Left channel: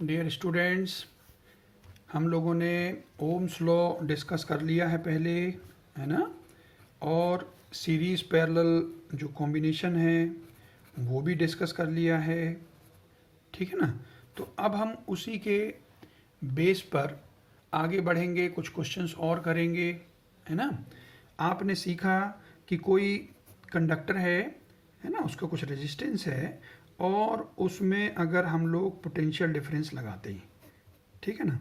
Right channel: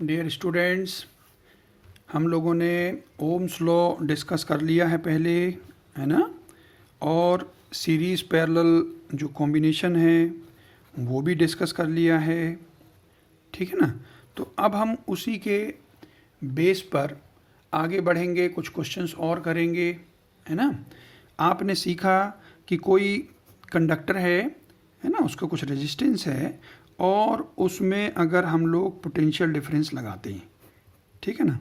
Dear students, हम लोगों ने ओम्स लॉ डिस्कस कर लिया है पहले, है ना। और सीरीज़ पैरेलल जो कॉम्बिनेशन है वो भी डिस्कस कर लिया है, ठीक है ना। तो अब हम उसी के बेस पर आगे बढ़ेंगे, कुछ क्वेश्चंस और करेंगे, है ना। आपने सीखा कि कोई कंडक्टर है ना, उसका कुछ रेजिस्टेंस है और उसमें अगर हम लोग पोटेंशियल डिफरेंस लगाते हैं, ठीक है ना,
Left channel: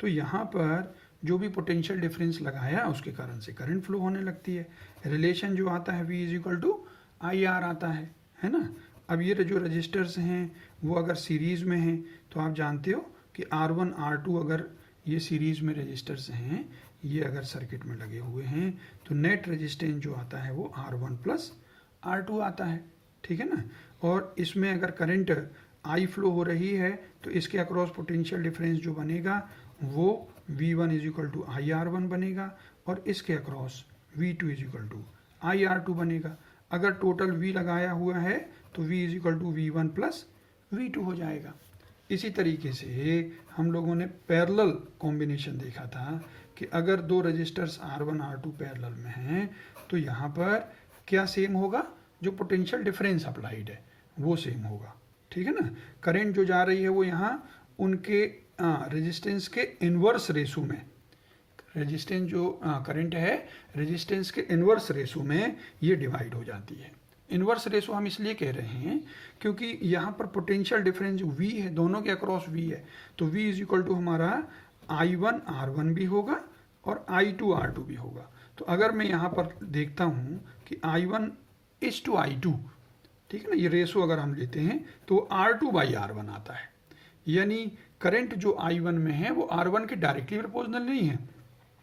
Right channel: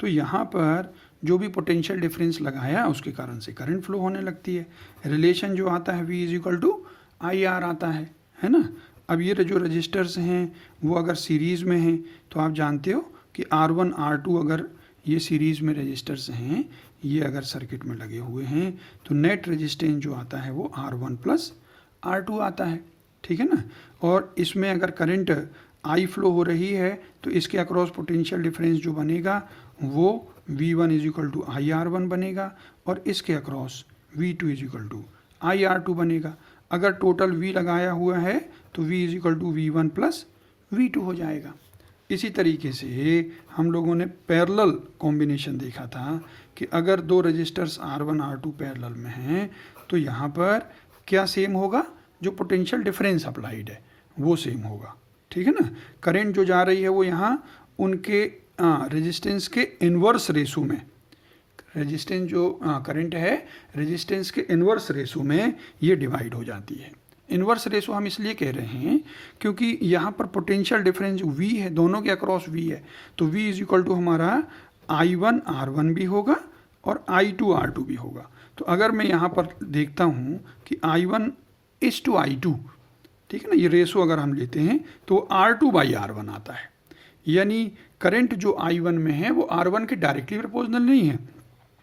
तो यहाँ पर जो भी पोटेंशियल डिफरेंस लगाया उसके कारण से करंट फ्लो होने लगती है। रिलेशन जो आता है V is equal to I R आता है ना। अब ये जो रजिस्टर्स हैं वो अगर सीरीज़ में हैं तो आप जानते हो कि R1 R2 अगर ये सीरीज़ में रजिस्टर्स हैं, ये अगर सर्किट में लगे हुए हैं तो नेट रेजिस्टेंस जो आता है वो R1 प्लस R2 आता है, ठीक है ना। और इसमें अगर करंट आई फ्लो हो रही है तो इसके अक्रॉस पोटेंशियल डिफरेंस जो बनेगा वो V1 is equal to I R one बनेगा और इसके across V2 is equal to I R two बनेगा। अगर टोटल V लगाया हुआ है तो V is equal to V1 plus V2 हो जाएगा। इसी तरीके से हम लोगों ने पैरेलल कॉम्बिनेशन देखा था कि अगर दो रजिस्टर्स R1 R2 पैरेलल में हैं तो यहाँ पर क्या सेम होगा, जो पोटेंशियल डिफरेंस अप्लाइड है वो सेम होगा, ठीक है ना। करंट जो जा रही है वो यहाँ उनके रेजिस्टेंस के इन्वर्स रेशो में, रेजिस्टेंस जो करंट है रेजिस्टेंस के इन्वर्स रेशो में ये डिवाइड हो जाती है। इन्वर्स रेशो हम इसलिए कह रहे हैं क्योंकि यहाँ पर पोटेंशियल डिफरेंस जो V है दोनों के अक्रॉस V है, तो V इज इक्वल टू हमारा I1 R1 भी होगा और I2 R2 भी होगा। तो अगर मैं यहाँ पर देखता हूँ कि I1 इज टू I2, ठीक है ना, ये रेशो अगर हम लेते हैं तो R2 बाई R1 आता है, यानी करंट जो I1 में है वो R1 के डायरेक्टली प्रोपोर्शनल नहीं है,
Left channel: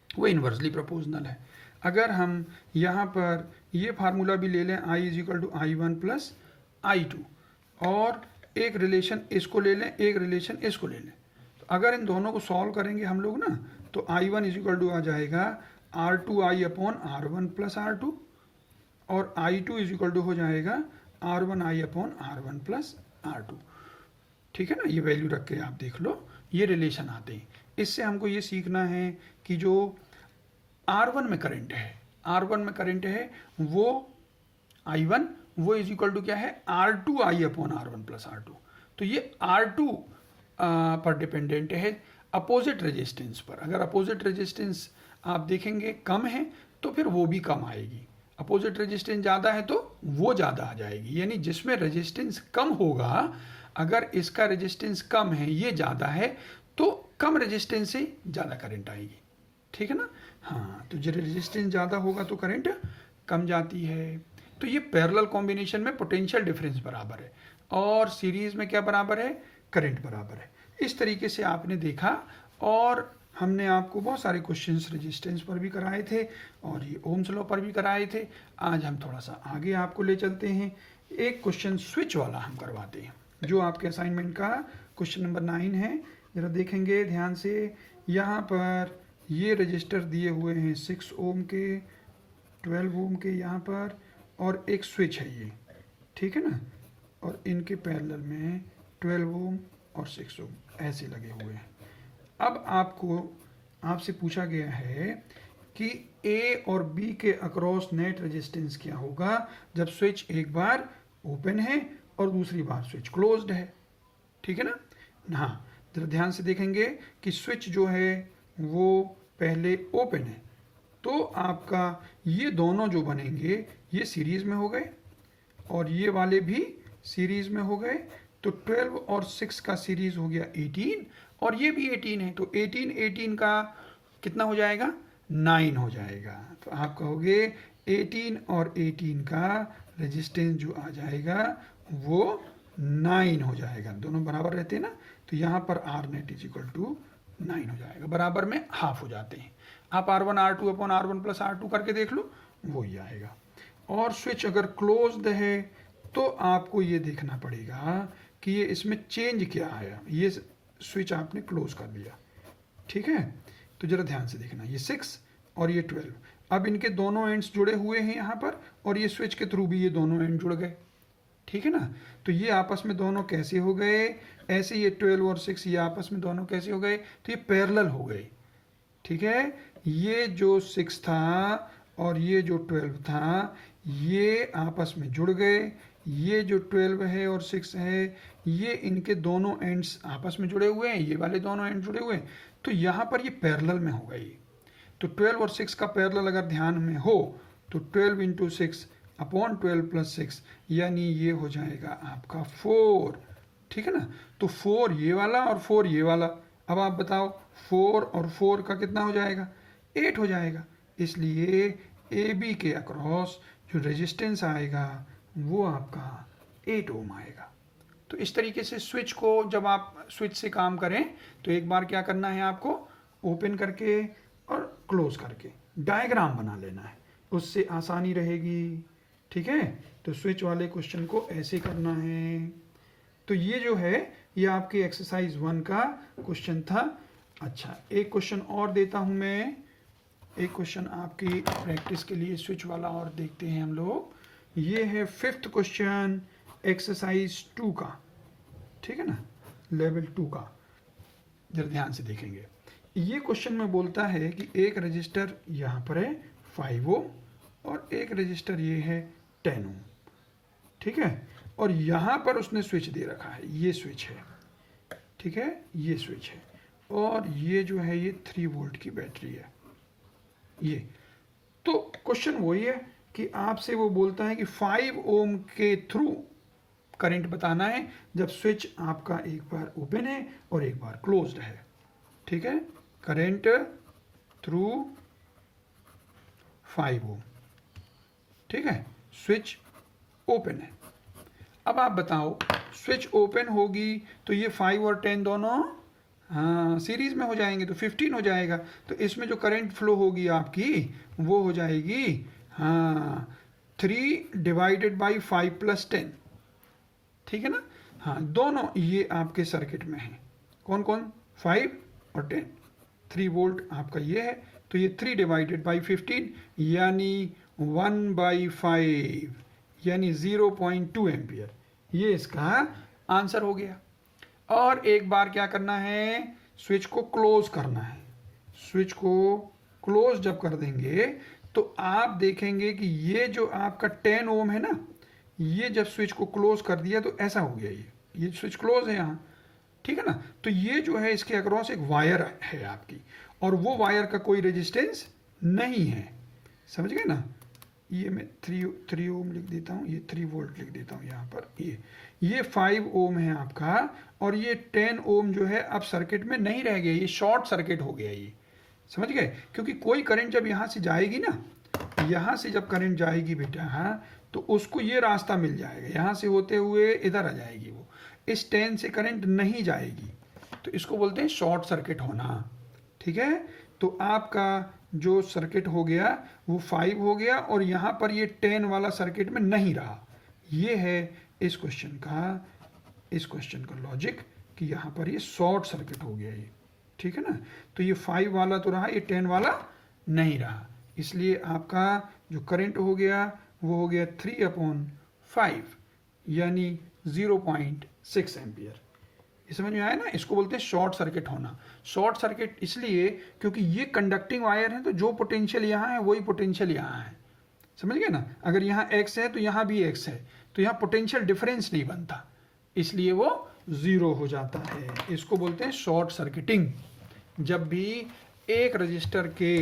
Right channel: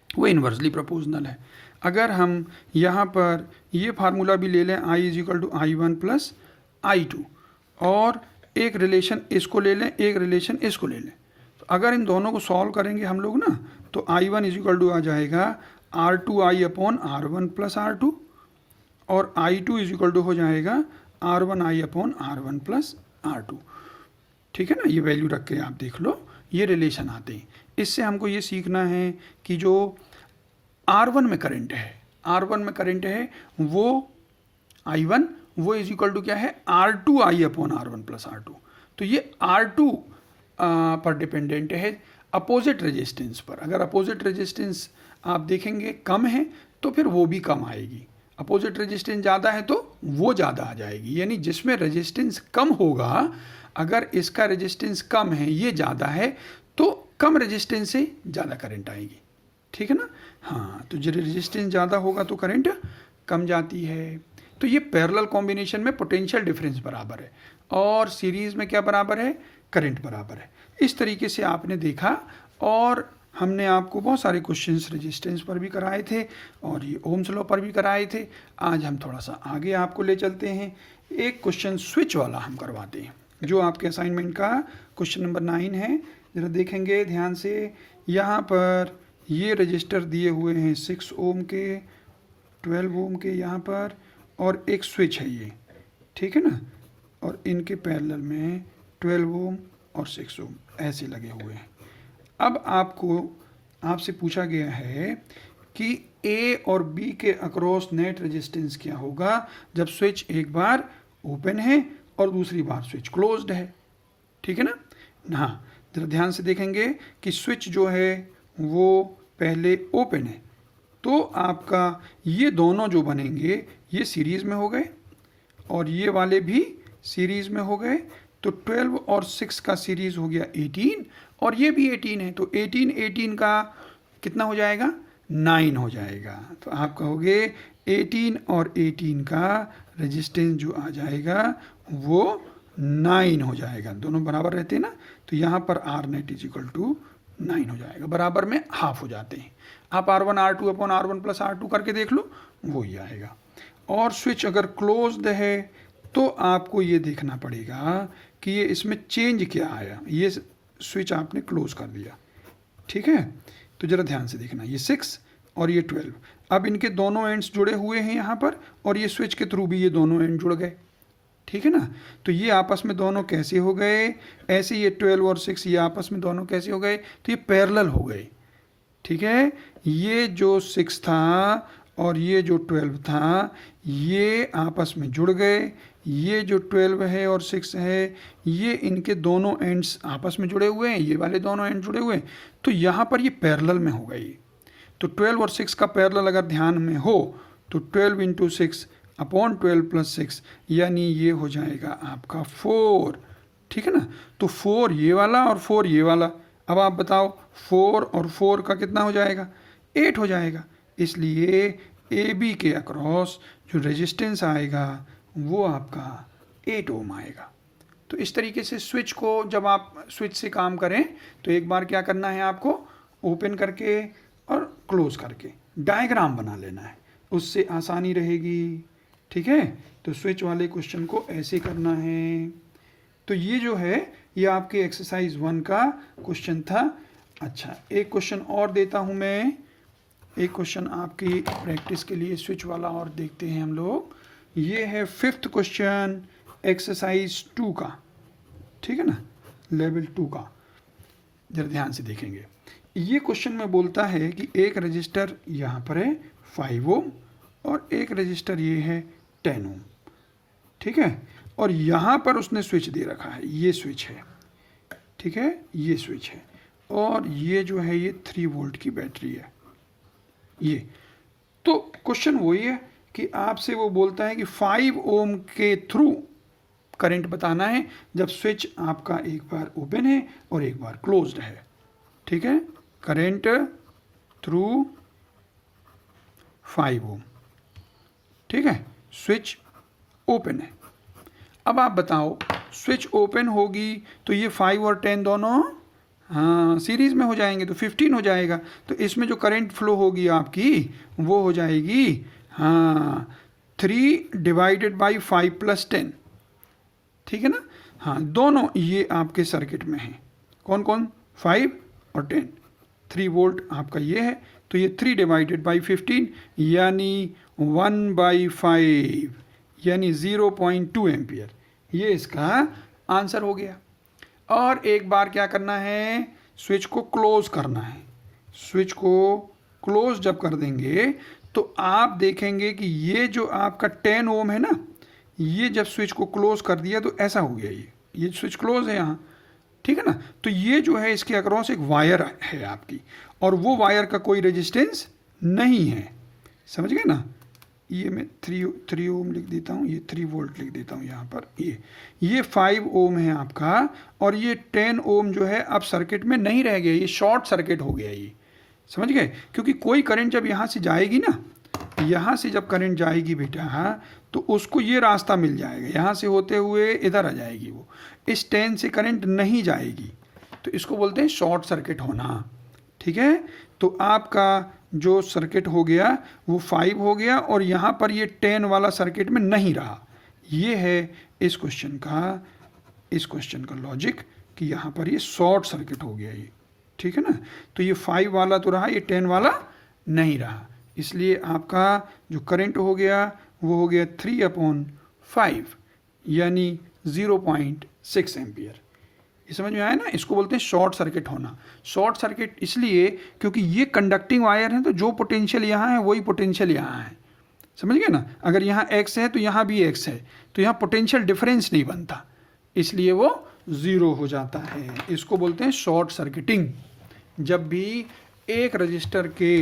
वो इन्वर्सली प्रोपोर्शनल है। अगर हम यहाँ पर ये फार्मूला भी ले लें I is equal to I1 plus I2 और एक रिलेशन इसको ले लें, एक रिलेशन इसको ले लें, तो अगर इन दोनों को सॉल्व करेंगे हम लोग ना तो I1 इज इक्वल टू आ जाएगा R2I upon R1 plus R2 और I2 इज इक्वल टू हो जाएगा R1I upon R1 plus R2, ठीक है ना। ये वैल्यू रख के आप देख लो, ये रिलेशन आते हैं। इससे हमको ये सीखना है कि जो R1 में करंट है, R1 में करंट है वो I1 वो इज इक्वल टू क्या है R2I upon R1 plus R2। तो ये R2 पर डिपेंडेंट है अपोजिट रेजिस्टेंस पर। अगर अपोजिट रेजिस्टेंस आप देखेंगे कम है तो फिर वो भी कम आएगी, अपोजिट रेजिस्टेंस ज़्यादा है तो वो ज़्यादा आ जाएगी। यानी जिसमें रेजिस्टेंस कम होगा, अगर इसका रेजिस्टेंस कम है ये ज़्यादा है तो कम रेजिस्टेंस से ज़्यादा करंट आएगी, ठीक है ना। हाँ, तो जो रेजिस्टेंस ज़्यादा होगा तो करंट कम जाती है। तो ये पैरेलल कॉम्बिनेशन में पोटेंशियल डिफरेंस बराबर है और सीरीज़ में क्या बराबर है, करंट बराबर है। इस तरीके से आपने देखा और हमने आपको बहुत सारे क्वेश्चंस रेजिस्टेंस पर भी कराए थे और ये ओम्स लॉ पर भी कराए थे। आज हम थोड़ा सा आगे आपको ले चलते हैं, एक क्वेश्चन स्विच वाला हम करवाते हैं जो आपके असाइनमेंट का क्वेश्चन नंबर 9 है। ज़रा देखेंगे ध्यान से, यहाँ पर ये रजिस्टर दिए हुए हैं 6 ओम के, 12 ओम के यहाँ पर, और एक स्विच है ये, ठीक है ना। और इनके पैरेलल में 12 ओम और 6 ओम ऐसे लगे हुए हैं। अब आपसे पूछा गया है कि A और B के अक्रॉस नेट रेजिस्टेंस क्या होगा जब स्विच एक बार ओपन है और दूसरी बार स्विच क्लोज्ड है, ठीक है ना। हाँ, जरा ध्यान से देखेंगे कि स्विच जो है वो पहले ओपन है तो आपका ये दोनों जो बनेंगे ये सीरीज़ में हो गए और ये वाले भी सीरीज़ में हो गए, तो 12 और 6 का सीरीज़ हो गया 18 और ये भी 18 है, तो 18 का कितना हो जाएगा, 9 हो जाएगा। तो आप कहोगे 18 और 18 का रेजिस्टेंस जो आ जाएगा वो 9 हो जाएगा, दोनों बराबर रहते हैं ना। तो यहाँ पर R net is equal to 9 हो जाएगा, बराबर में हाफ हो जाते हैं। आप R1 R2 upon R1 plus R2 करके देख लो, वो ही आएगा। और स्विच अगर क्लोज्ड है तो आपको ये देखना पड़ेगा कि ये इसमें चेंज क्या आया। ये स्विच आपने क्लोज कर दिया, ठीक है, तो ज़रा ध्यान से देखना, ये 6 और ये 12, अब इनके दोनों एंड्स जुड़े हुए हैं यहाँ पर और ये स्विच के थ्रू भी ये दोनों एंड जुड़ गए, ठीक है ना। तो ये आपस में दोनों कैसे हो गए, ऐसे ये 12 और 6 ये आपस में दोनों कैसे हो गए, तो ये पैरेलल हो गए। ठीक है, ये जो 6 था और ये जो 12 था ये आपस में जुड़ गए। ये जो 12 है और 6 है ये इनके दोनों एंड्स आपस में जुड़े हुए हैं, ये वाले दोनों एंड जुड़े हुए हैं, तो यहाँ पर ये पैरेलल में हो गई। तो 12 और 6 का पैरेलल अगर ध्यान में हो तो 12 इंटू 6 अपॉन 12 प्लस 6 यानी ये हो जाएगा आपका 4। ठीक है ना, तो 4 ये वाला और 4 ये वाला। अब आप बताओ 4 और 4 का कितना हो जाएगा, 8 हो जाएगा। इसलिए ए बी के अक्रॉस जो रेजिस्टेंस आएगा वो आपका 8 ओम आएगा। तो इस तरीके से स्विच को जब आप स्विच से काम करें तो एक बार क्या करना है आपको, ओपन करके और क्लोज करके डायग्राम बना लेना है, उससे आसानी रहेगी। ठीक है, तो स्विच वाले क्वेश्चन को ऐसे करना है। तो ये जो है ये आपके एक्सरसाइज 1 का क्वेश्चन था। अच्छा, एक क्वेश्चन और देता हूँ मैं, एक क्वेश्चन आपकी प्रैक्टिस के लिए स्विच वाला और देखते हैं हम लोग। ये है 5th क्वेश्चन एक्सरसाइज 2 का। ठीक है ना, लेवल 2 का, जरा ध्यान से देखेंगे। ये क्वेश्चन में बोलता है कि एक रजिस्टर यहाँ पर है 5 ओम और एक रजिस्टर ये है 10 ओम। ठीक है, और यहाँ पर उसने स्विच दे रखा है, ये स्विच है। ठीक है, ये स्विच है और ये जो है ये 3 वोल्ट की बैटरी है ये। तो क्वेश्चन वही है कि आपसे वो बोलता है कि 5 ओम के थ्रू करंट बताना है जब स्विच आपका एक बार ओपन है और एक बार क्लोज्ड है। ठीक है, करंट थ्रू 5 ओम। ठीक है, स्विच ओपन है। अब आप बताओ स्विच ओपन होगी तो ये 5 और 10 दोनों हाँ सीरीज में हो जाएंगे तो 15 हो जाएगा। तो इसमें जो करंट फ्लो होगी आपकी वो हो जाएगी हाँ 3 डिवाइडेड बाई 5 प्लस 10। ठीक है ना, हाँ दोनों ये आपके सर्किट में हैं, कौन कौन, 5 और 10। 3 वोल्ट आपका ये है तो ये 3 डिवाइडेड बाई 15 यानी 1/5 यानी 0.2 एम्पियर, ये इसका आंसर हो गया। और एक बार क्या करना है, स्विच को क्लोज करना है। स्विच को क्लोज जब कर देंगे तो आप देखेंगे कि ये जो आपका 10 ओम है ना, ये जब स्विच को क्लोज कर दिया तो ऐसा हो गया, ये स्विच क्लोज है यहाँ। ठीक है ना, तो ये जो है इसके अक्रॉस एक वायर है आपकी और वो वायर का कोई रेजिस्टेंस नहीं है, समझ गए ना। ये मैं 3 ओम लिख देता हूँ, ये 3 वोल्ट लिख देता हूँ यहाँ पर। ये 5 ओम है आपका और ये 10 ओम जो है अब सर्किट में नहीं रह गया, ये शॉर्ट सर्किट हो गया, ये समझ गए। क्योंकि कोई करंट जब यहाँ से जाएगी ना, यहाँ से जब करंट जाएगी बेटा हाँ, तो उसको ये रास्ता मिल जाएगा, यहाँ से होते हुए इधर आ जाएगी वो, इस 10 से करंट नहीं जाएगी, तो इसको बोलते हैं शॉर्ट सर्किट होना। ठीक है, तो आपका जो सर्किट हो गया वो 5 हो गया और यहाँ पर ये 10 वाला सर्किट में नहीं रहा। ये है इस क्वेश्चन का लॉजिक कि यहाँ पर ये शॉर्ट सर्किट हो गया ये। ठीक है ना, तो ये 5 वाला तो रहा, ये 10 वाला नहीं रहा, इसलिए आपका जो करंट हो गया वो हो गया 3/5 यानी 0.6 एम्पियर। ये समझ में आया ना, इसको बोलते हैं शॉर्ट सर्किट होना। शॉर्ट सर्किट इसलिए क्योंकि ये कंडक्टिंग वायर है तो जो पोटेंशियल यहाँ है वही पोटेंशियल यहाँ है, समझ गए ना। अगर यहाँ x है तो यहाँ भी x है, तो यहाँ पोटेंशियल डिफरेंस नहीं बनता, इसलिए वो 0 हो जाता है। इसको बोलते हैं शॉर्ट सर्किटिंग। जब भी एक रजिस्टर के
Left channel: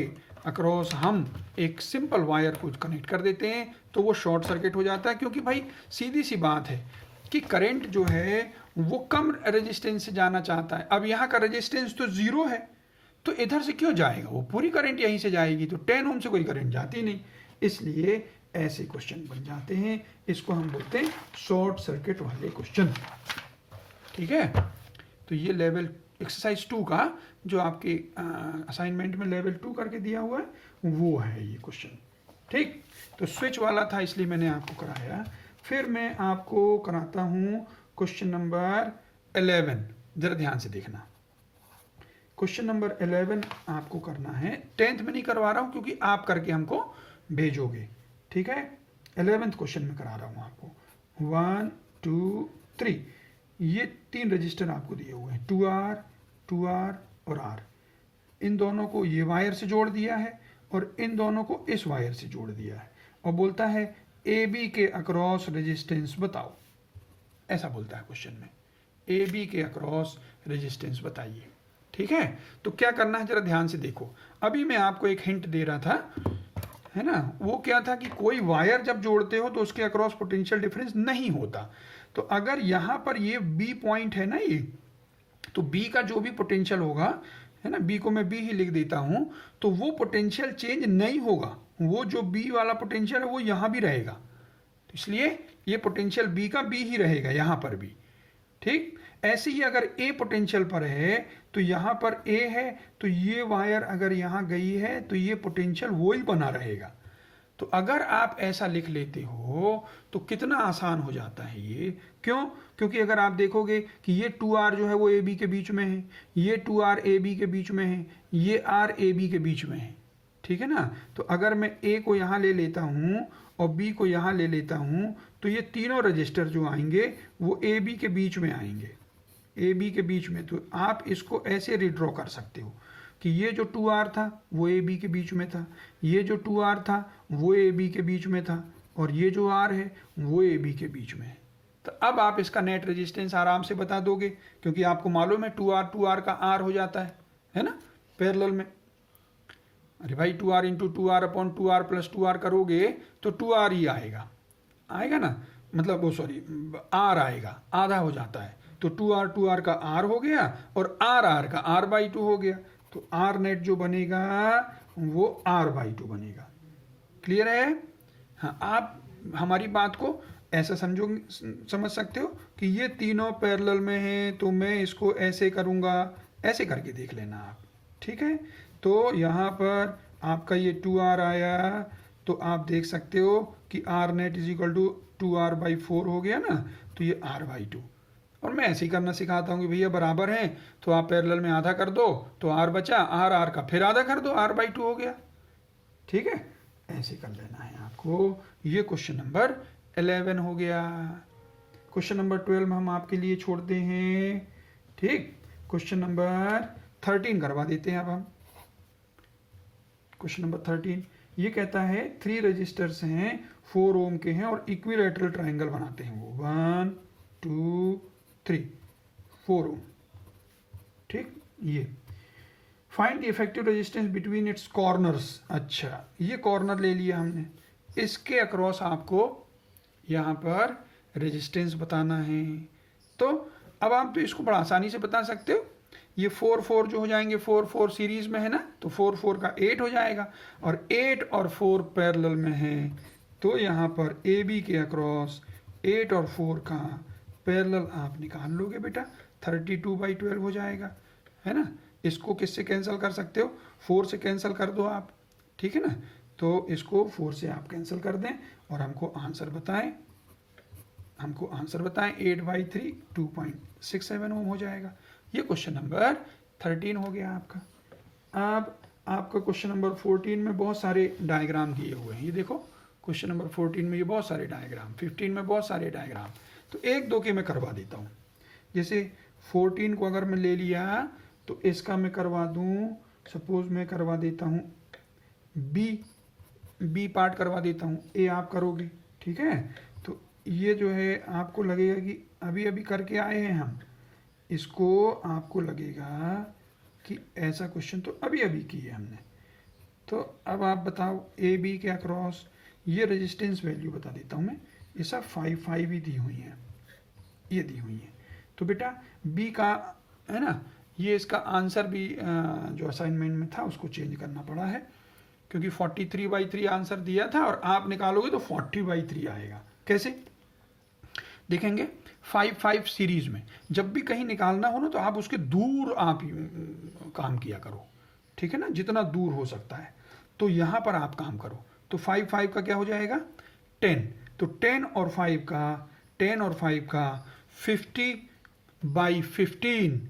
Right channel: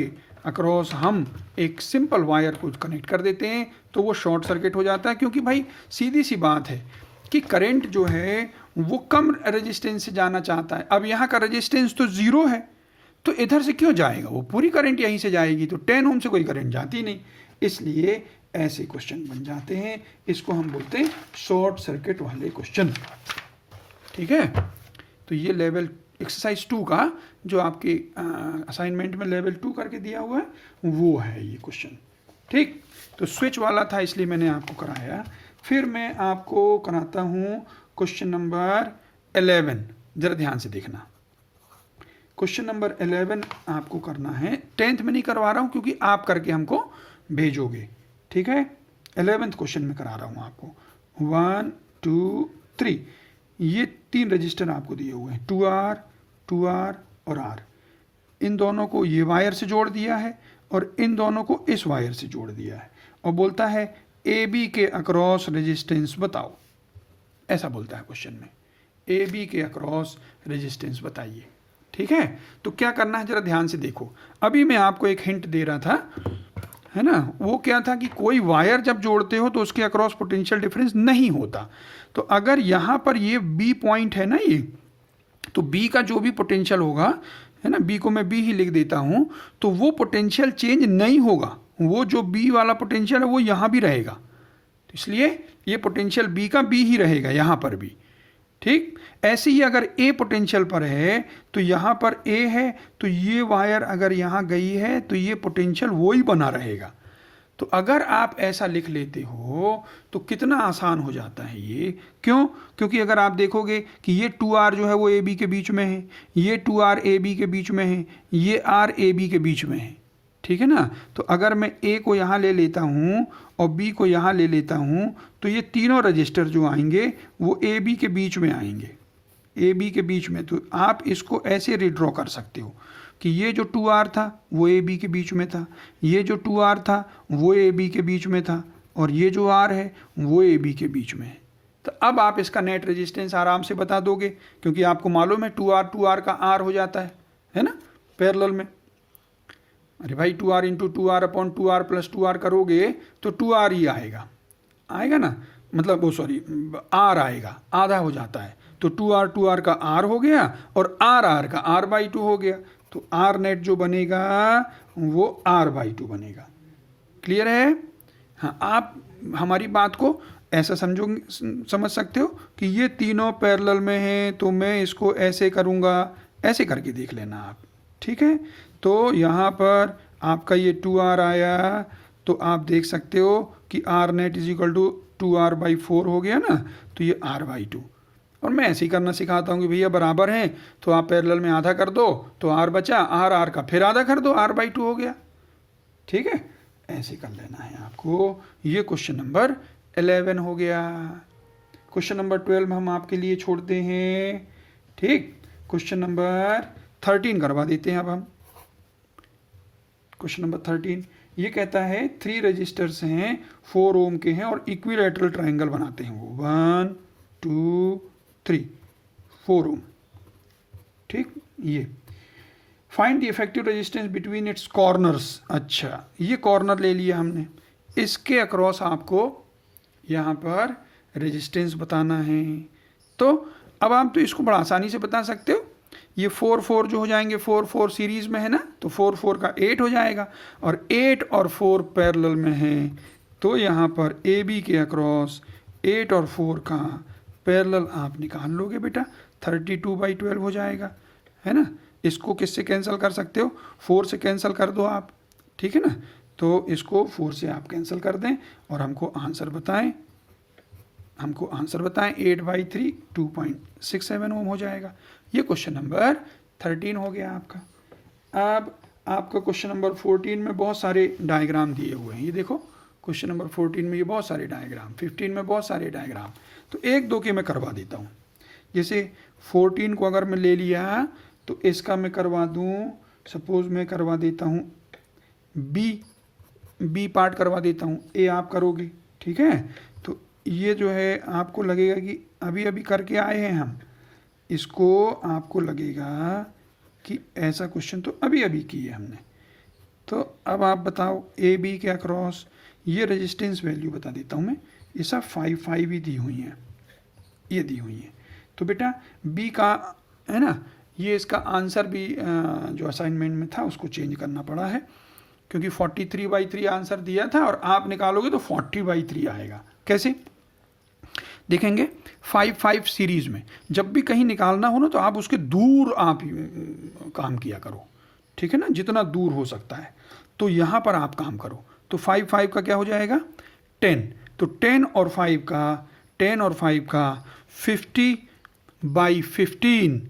अक्रॉस हम एक सिंपल वायर को कनेक्ट कर देते हैं तो वो शॉर्ट सर्किट हो जाता है, क्योंकि भाई सीधी सी बात है कि करंट जो है वो कम रेजिस्टेंस से जाना चाहता है। अब यहाँ का रेजिस्टेंस तो 0 है तो इधर से क्यों जाएगा, वो पूरी करंट यहीं से जाएगी, तो 10 ओम से कोई करंट जाती नहीं, इसलिए ऐसे क्वेश्चन बन जाते हैं। इसको हम बोलते हैं शॉर्ट सर्किट वाले क्वेश्चन। ठीक है, तो ये लेवल एक्सरसाइज 2 का जो आपके असाइनमेंट में लेवल 2 करके दिया हुआ है वो है ये क्वेश्चन। ठीक, तो स्विच वाला था इसलिए मैंने आपको कराया। फिर मैं आपको कराता हूँ क्वेश्चन नंबर 11, जरा ध्यान से देखना। क्वेश्चन नंबर 11 आपको करना है, 10th में नहीं करवा रहा हूँ क्योंकि आप करके हमको भेजोगे। ठीक है, 11th क्वेश्चन में करा रहा हूँ आपको। 1 2 3, ये 3 रजिस्टर आपको दिए हुए हैं, 2R और R। इन दोनों को ये वायर से जोड़ दिया है और इन दोनों को इस वायर से जोड़ दिया है और बोलता है ए बी के अक्रॉस रेजिस्टेंस बताओ। ऐसा बोलता है क्वेश्चन में, ए बी के अक्रॉस रेजिस्टेंस बताइए। ठीक है, तो क्या करना है जरा ध्यान से देखो। अभी मैं आपको एक हिंट दे रहा था, है ना, वो क्या था कि कोई वायर जब जोड़ते हो तो उसके अक्रॉस पोटेंशियल डिफरेंस नहीं होता। तो अगर यहाँ पर ये बी पॉइंट है ना ये, तो बी का जो भी पोटेंशियल होगा, है ना, बी को मैं बी ही लिख देता हूँ, तो वो पोटेंशियल चेंज नहीं होगा। वो जो बी वाला पोटेंशियल है वो यहाँ भी रहेगा, तो इसलिए ये पोटेंशियल बी का बी ही रहेगा यहाँ पर भी। ठीक, ऐसे ही अगर ए पोटेंशियल पर है तो यहाँ पर ए है, तो ये वायर अगर यहाँ गई है तो ये पोटेंशियल वो ही बना रहेगा। तो अगर आप ऐसा लिख लेते हो तो कितना आसान हो जाता है ये। क्यों? क्योंकि अगर आप देखोगे कि ये 2R जो है वो ए बी के बीच में है, ये 2R ए बी के बीच में है, ये R ए बी के बीच में है। ठीक है ना, तो अगर मैं ए को यहाँ ले लेता हूँ और बी को यहाँ ले लेता हूँ तो ये तीनों रजिस्टर जो आएंगे वो ए बी के बीच में आएंगे, ए बी के बीच में। तो आप इसको ऐसे रिड्रॉ कर सकते हो कि ये जो 2R था वो ए बी के बीच में था, ये जो 2R था वो ए बी के बीच में था, और ये जो R है वो ए बी के बीच में है। तो अब आप इसका नेट रेजिस्टेंस आराम से बता दोगे, क्योंकि आपको मालूम है 2R का R हो जाता है ना, पैरेलल में। अरे भाई 2R into 2R upon 2R plus 2R करोगे तो 2R ही आएगा ना, मतलब वो सॉरी R आएगा, आधा हो जाता है। तो 2R का R हो गया और R का R/2 हो गया। तो R नेट जो बनेगा वो R/2 बनेगा। क्लियर है? हाँ, आप हमारी बात को ऐसा समझ सकते हो कि ये तीनों पैरेलल में हैं, तो मैं इसको ऐसे करूँगा, ऐसे करके देख लेना आप। ठीक है, तो यहाँ पर आपका ये 2R आया, तो आप देख सकते हो कि R net is equal to 2R/4 हो गया ना, तो ये R/2। और मैं ऐसे ही करना सिखाता हूँ कि भैया बराबर हैं तो आप पैरेलल में आधा कर दो तो R बचा, R का फिर आधा कर दो, R/2 हो गया। ठीक है, ऐसे कर लेना है आपको। ये क्वेश्चन नंबर 11 हो गया। क्वेश्चन नंबर 12 हम आपके लिए छोड़ते हैं। ठीक, क्वेश्चन नंबर 13 करवा देते हैं अब हम। क्वेश्चन नंबर 13 ये कहता है 3 रजिस्टर्स हैं, 4 ओम के हैं और इक्विलैटरल ट्रायंगल बनाते हैं वो, 1 2 3 4 ओम। ठीक, ये find the effective resistance between its corners. अच्छा, ये कॉर्नर ले लिया हमने, इसके अक्रॉस आपको यहाँ पर रेजिस्टेंस बताना है। तो अब आप तो इसको बड़ा आसानी से बता सकते हो। ये 4 4 जो हो जाएंगे, 4 4 सीरीज में है ना, तो 4 4 का 8 हो जाएगा, और 8 और 4 पैरेलल में है, तो यहाँ पर ए बी के अक्रॉस 8 और 4 का पैरेलल आप निकाल लोगे बेटा, 32/12 हो जाएगा, है ना। इसको किससे कैंसिल कर सकते हो? 4 से कैंसिल कर दो आप। ठीक है ना, तो इसको 4 से आप कैंसिल कर दें और हमको आंसर बताएं। 8/3 2.67 ओम हो जाएगा। ये क्वेश्चन नंबर 13 हो गया आपका। अब आपका क्वेश्चन नंबर 14 में बहुत सारे डायग्राम दिए हुए हैं। ये देखो क्वेश्चन नंबर 14 में ये बहुत सारे डायग्राम, 15 में बहुत सारे डायग्राम, तो एक दो के मैं करवा देता हूँ। जैसे 14 को अगर मैं ले लिया तो इसका मैं करवा दूँ, सपोज मैं करवा देता हूँ बी पार्ट करवा देता हूँ, ए आप करोगे। ठीक है, तो ये जो है आपको लगेगा कि अभी अभी करके आए हैं हम, इसको आपको लगेगा कि ऐसा क्वेश्चन तो अभी अभी किए हमने। तो अब आप बताओ ए बी के अक्रॉस, ये रेजिस्टेंस वैल्यू बता देता हूँ मैं, ये सब 5 ही दी हुई हैं, ये दी हुई हैं। तो बेटा बी का है ना, ये इसका आंसर भी जो असाइनमेंट में था उसको चेंज करना पड़ा है, क्योंकि 43/3 आंसर दिया था और आप निकालोगे तो 40/3 आएगा। कैसे देखेंगे? 5 सीरीज में जब भी कहीं निकालना हो ना तो आप उसके दूर आप काम किया करो। ठीक है ना, जितना दूर हो सकता है, तो यहाँ पर आप काम करो। तो 5 का क्या हो जाएगा? 10। तो 10 और 5 का 50/15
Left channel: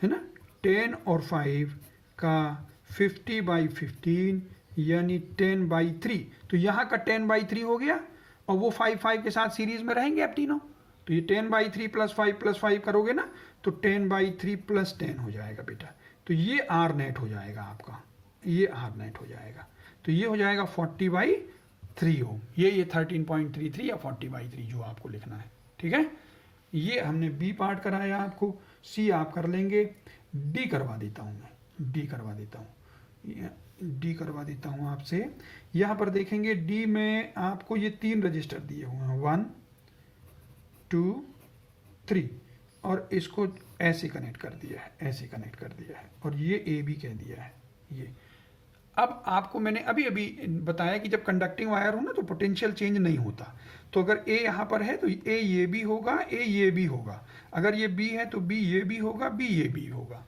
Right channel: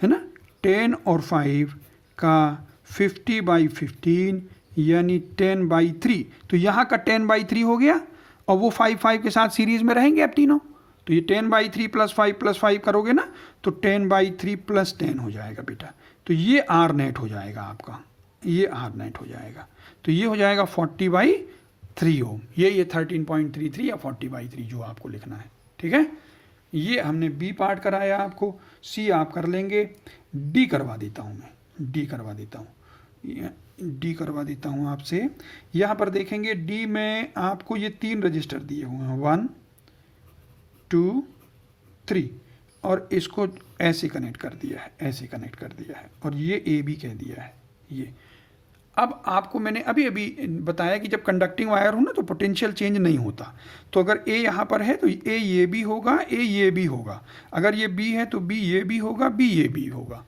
है ना, 10 और 5 का 50/15 यानी 10/3। तो यहाँ का 10/3 हो गया और वो 5 के साथ सीरीज में रहेंगे अब तीनों। तो ये 10/3 + 5 करोगे ना तो 10/3 + 10 हो जाएगा बेटा। तो ये आर नेट हो जाएगा आपका, ये आर नेट हो जाएगा। तो ये हो जाएगा 40/3 ओम। ये 13.33 या 40/3 जो आपको लिखना है, ठीक है। ये हमने बी पार्ट कराया आपको, सी आप कर लेंगे। डी करवा देता हूँ मैं, डी करवा देता हूँ, डी करवा देता हूँ आपसे। यहाँ पर देखेंगे डी में आपको ये 3 रजिस्टर दिए हुए हैं, 1 2 3, और इसको ऐसे कनेक्ट कर दिया है, ऐसे कनेक्ट कर दिया है, और ये ए बी कह दिया है ये। अब आपको मैंने अभी अभी बताया कि जब कंडक्टिंग वायर हो ना तो पोटेंशियल चेंज नहीं होता। तो अगर ए यहाँ पर है तो ए ये भी होगा, ए ये भी होगा। अगर ये बी है तो बी ये भी होगा, बी ये भी होगा,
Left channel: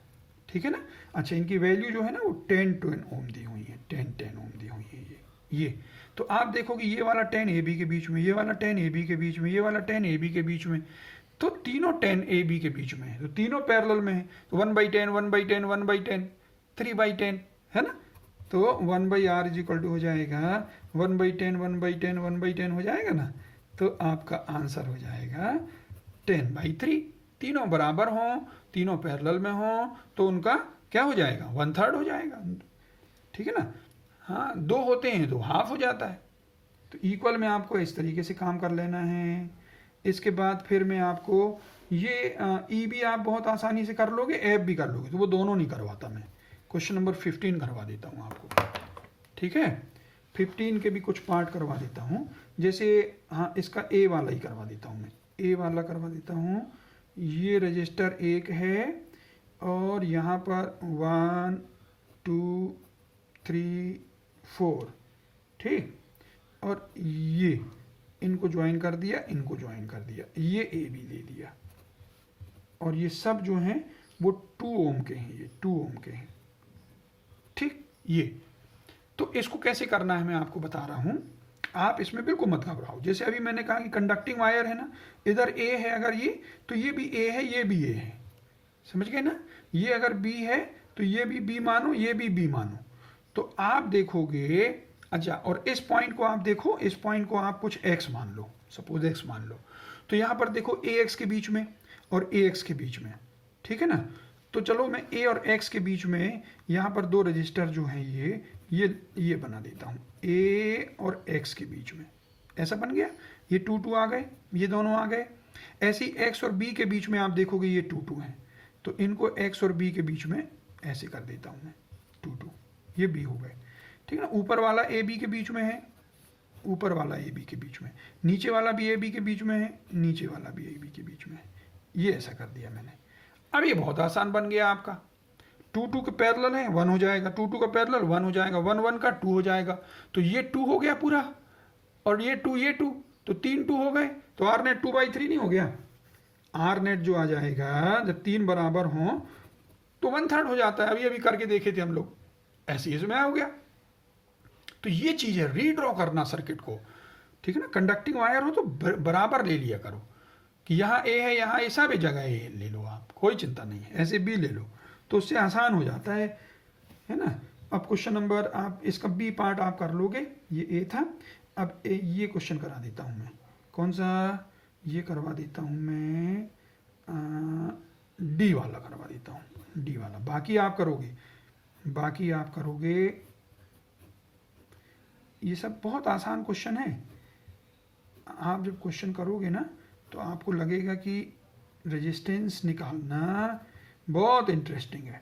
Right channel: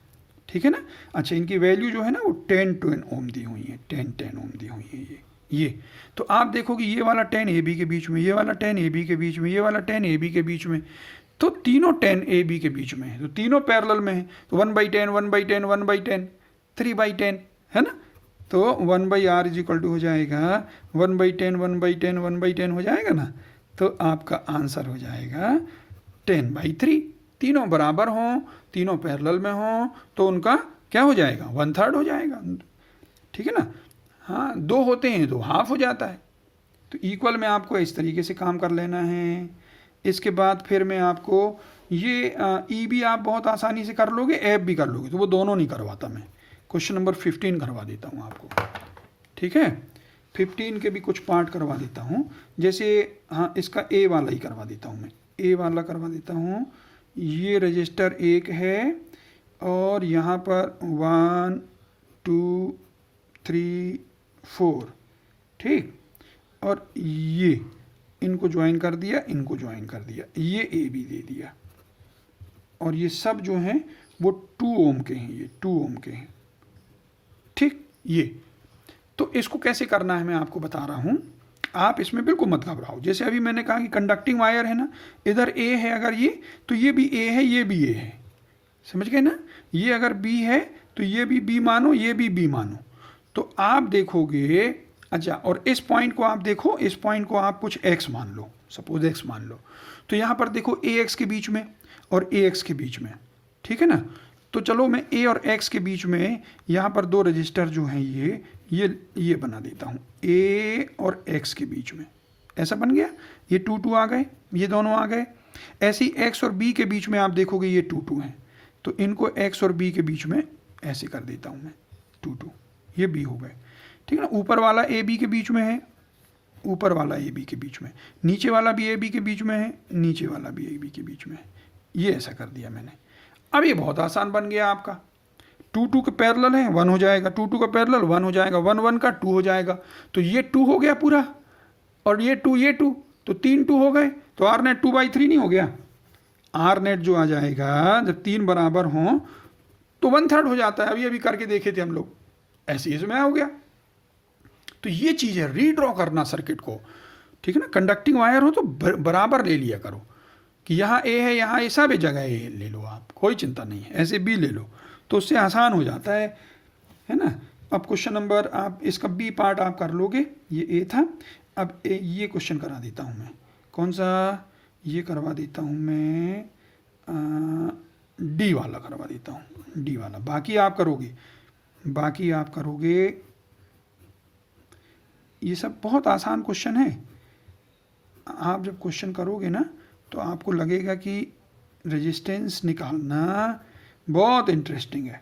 ठीक है ना। अच्छा, इनकी वैल्यू जो है ना वो 10 ओम दी हुई है, 10 ओम दी हुई है ये। तो आप देखोगे ये वाला 10 ए बी के बीच में, ये वाला 10 ए बी के बीच में, ये वाला 10 ए बी के बीच में, तो तीनों 10 ए बी के बीच में है, तो तीनों पैरेलल में है। तो 1/10 1/10 1/10 3/10 है ना। तो 1/r = हो जाएगा 1/10 1/10 1/10 हो जाएगा ना। तो आपका आंसर हो जाएगा 10/3। तीनों बराबर हों, तीनों पैरेलल में हों तो उनका क्या हो जाएगा, 1/3 हो जाएगा, ठीक है ना। हाँ, 2 होते हैं तो हाफ हो जाता है। तो इक्वल में आपको इस तरीके से काम कर लेना है। इसके बाद फिर मैं आपको ये ई भी आप बहुत आसानी से कर लोगे, एफ भी कर लोगे, तो वो दोनों नहीं करवाता मैं। क्वेश्चन नंबर 15 करवा देता हूँ आपको, ठीक है। 15 के भी कुछ पार्ट करवा देता हूँ, जैसे हाँ इसका ए वाला ही करवा देता हूँ मैं, ए वाला करवा देता हूँ। ये रजिस्टर 1 है और यहाँ पर 1 2 3 4, ठीक। और ये इनको ज्वाइन कर दिया, इनको ज्वाइन कर दिया, ये ए बी दे दिया, और ये सब जो हैं वो 2 ओम के हैं, ये 2 ओम के हैं, ठीक। ये तो इसको कैसे करना है मैं आपको बता रहा हूँ, आप इसमें बिल्कुल मत घबराओ। जैसे अभी मैंने कहा कि कंडक्टिंग वायर है ना, इधर ए है अगर ये, तो ये भी ए है, ये भी ए है, समझ गए ना। ये अगर बी है तो ये भी बी मानो, ये भी बी मानो। तो आप देखोगे, अच्छा, और इस पॉइंट को आप देखो, इस पॉइंट को आप कुछ एक्स मान लो, सपोज एक्स मान लो। तो यहाँ पर देखो ए एक्स के बीच में और ए एक्स के बीच में, ठीक है ना। तो चलो मैं ए और एक्स के बीच में यहाँ पर 2 रजिस्टर जो हैं ये बना देता हूँ, ए और एक्स के बीच में, ऐसा बन गया। ये 2 2 आ गए, ये दोनों आ गए। ऐसे ही एक्स और बी के बीच में आप देखोगे ये 2 2 हैं, तो इनको एक्स और बी के बीच में ऐसे कर देता हूँ मैं, 2 2, ये बी हो गए, ठीक है ना। ऊपर वाला ए बी के बीच में है, ऊपर वाला ए बी के बीच में, नीचे वाला भी ए बी के बीच में है, नीचे वाला भी ए बी के बीच में है, ये ऐसा कर दिया मैंने। अब ये बहुत आसान बन गया आपका। 2 2 के पैरेलल है, 1 हो जाएगा, 2 2 का पैरेलल 1 हो जाएगा, 1 1 का 2 हो जाएगा। तो ये 2 हो गया पूरा, और ये 2 तो 3 2 हो गए। तो आर नेट 2/3 नहीं हो गया। आर नेट जो आ जाएगा जब 3 बराबर हों तो 1/3 हो जाता है। अभी करके देखे थे हम लोग, ऐसे इसमें हो गया। तो ये चीज़ है, रीड्रॉ करना सर्किट को, ठीक है ना। कंडक्टिंग वायर हो तो बराबर ले लिया करो कि यहाँ ए है, यहाँ ए, सब जगह ए ले लो आप, कोई चिंता नहीं है। ऐसे बी ले लो तो उससे आसान हो जाता है ना। अब क्वेश्चन नंबर आप इसका बी पार्ट आप कर लोगे, ये ए था। अब ये क्वेश्चन करा देता हूँ मैं, कौन सा, ये करवा देता हूँ मैं, डी वाला करवा देता हूँ, डी वाला। बाकी आप करोगे, ये सब बहुत आसान क्वेश्चन है। आप जब क्वेश्चन करोगे ना तो आपको लगेगा कि रेजिस्टेंस निकालना बहुत इंटरेस्टिंग है।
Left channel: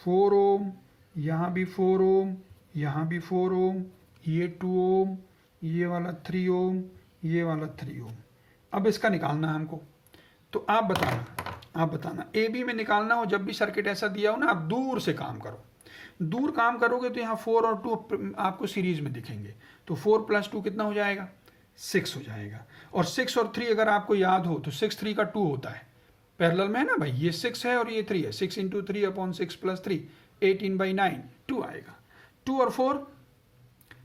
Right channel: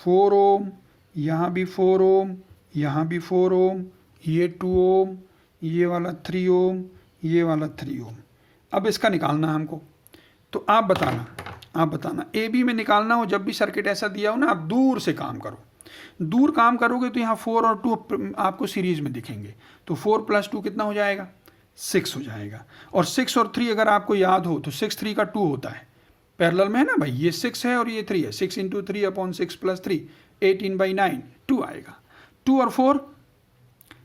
4 ओम, यहाँ भी 4 ओम, यहाँ भी 4 ओम, ये 2 ओम, ये वाला 3 ओम, ये वाला 3 ओम। अब इसका निकालना हमको, तो आप बताना ए बी में निकालना हो। जब भी सर्किट ऐसा दिया हो ना, आप दूर से काम करो। दूर काम करोगे तो यहाँ 4 और 2 आपको सीरीज में दिखेंगे। तो 4 + 2 कितना हो जाएगा, 6 हो जाएगा। और 6 और 3 अगर आपको याद हो तो 6 3 का 2 होता है, पैरेलल में है ना भाई। ये 6 है और ये 3 है, 6 × 3/6 + 3 18/9 2 आएगा। 2 और 4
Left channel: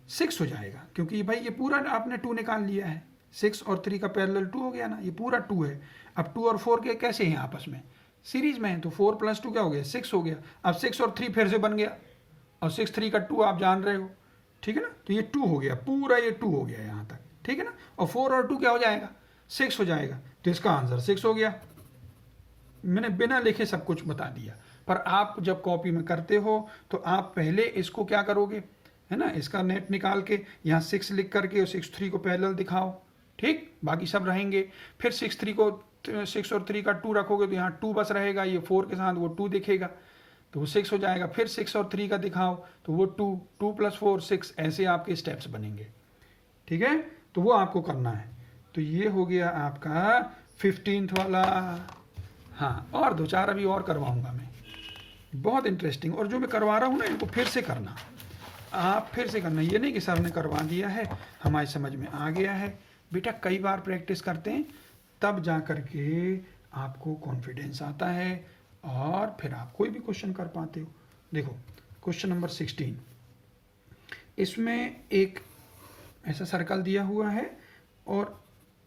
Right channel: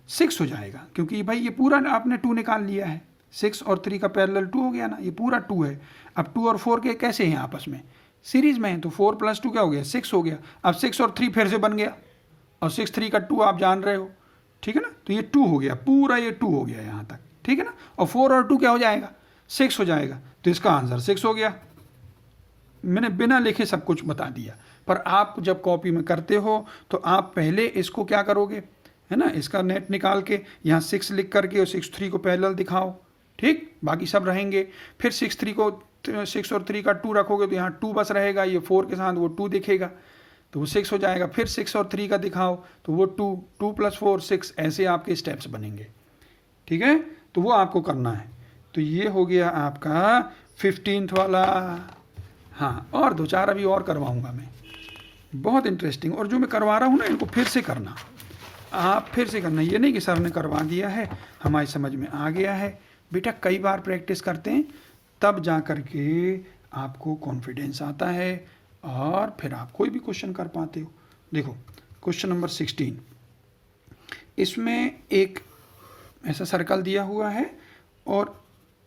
6 हो जाएगा, क्योंकि भाई ये पूरा आपने 2 निकाल लिया है। 6 और 3 का पैरेलल 2 हो गया ना, ये पूरा 2 है। अब 2 और 4 के कैसे हैं आपस में, सीरीज में है। तो 4 + 2 क्या हो गया, 6 हो गया। अब 6 और 3 फिर से बन गया, और 6 3 का 2 आप जान रहे हो, ठीक है ना। तो ये 2 हो गया, पूरा ये 2 हो गया यहाँ तक, ठीक है ना। और 4 और 2 क्या हो जाएगा, 6 हो जाएगा। तो इसका आंसर 6 हो गया। मैंने बिना लिखे सब कुछ बता दिया, पर आप जब कॉपी में करते हो तो आप पहले इसको क्या करोगे, है ना, इसका नेट निकाल के यहाँ 6 लिख करके और 6 3 को पैरेलल दिखाओ, ठीक, बाकी सब रहेंगे। फिर 6 3 को 6 और 3 का 2 रखोगे तो यहाँ 2 बस रहेगा, ये 4 के साथ वो 2 दिखेगा तो वो 6 हो जाएगा। फिर 6 और 3 का दिखाओ तो वो 2, 2 + 4 6, ऐसे आपके स्टेप्स बनेंगे, ठीक है। तो वो आपको करना है। तो ये हो गया आपका 15th वाला। हाँ, और 2-4 अभी और करवाऊंगा मैं, बहुत इंटरेस्टिंग। और जो मैं करवा रहा हूँ ना, इनको फिर से करना, आप फिर से करना, ये नहीं कि सर ने करवा दिया है हमारी समझ में आ गया है। बेटा कई बार प्रैक्टिस करते हैं तब जा कर के आपको कॉन्फिडेंस आता है और फिर आप कोई भी क्वेश्चन कर पाते हो। देखो क्वेश्चन नंबर 16, इसमें एक ऐसा सर्कल दिया हुआ है और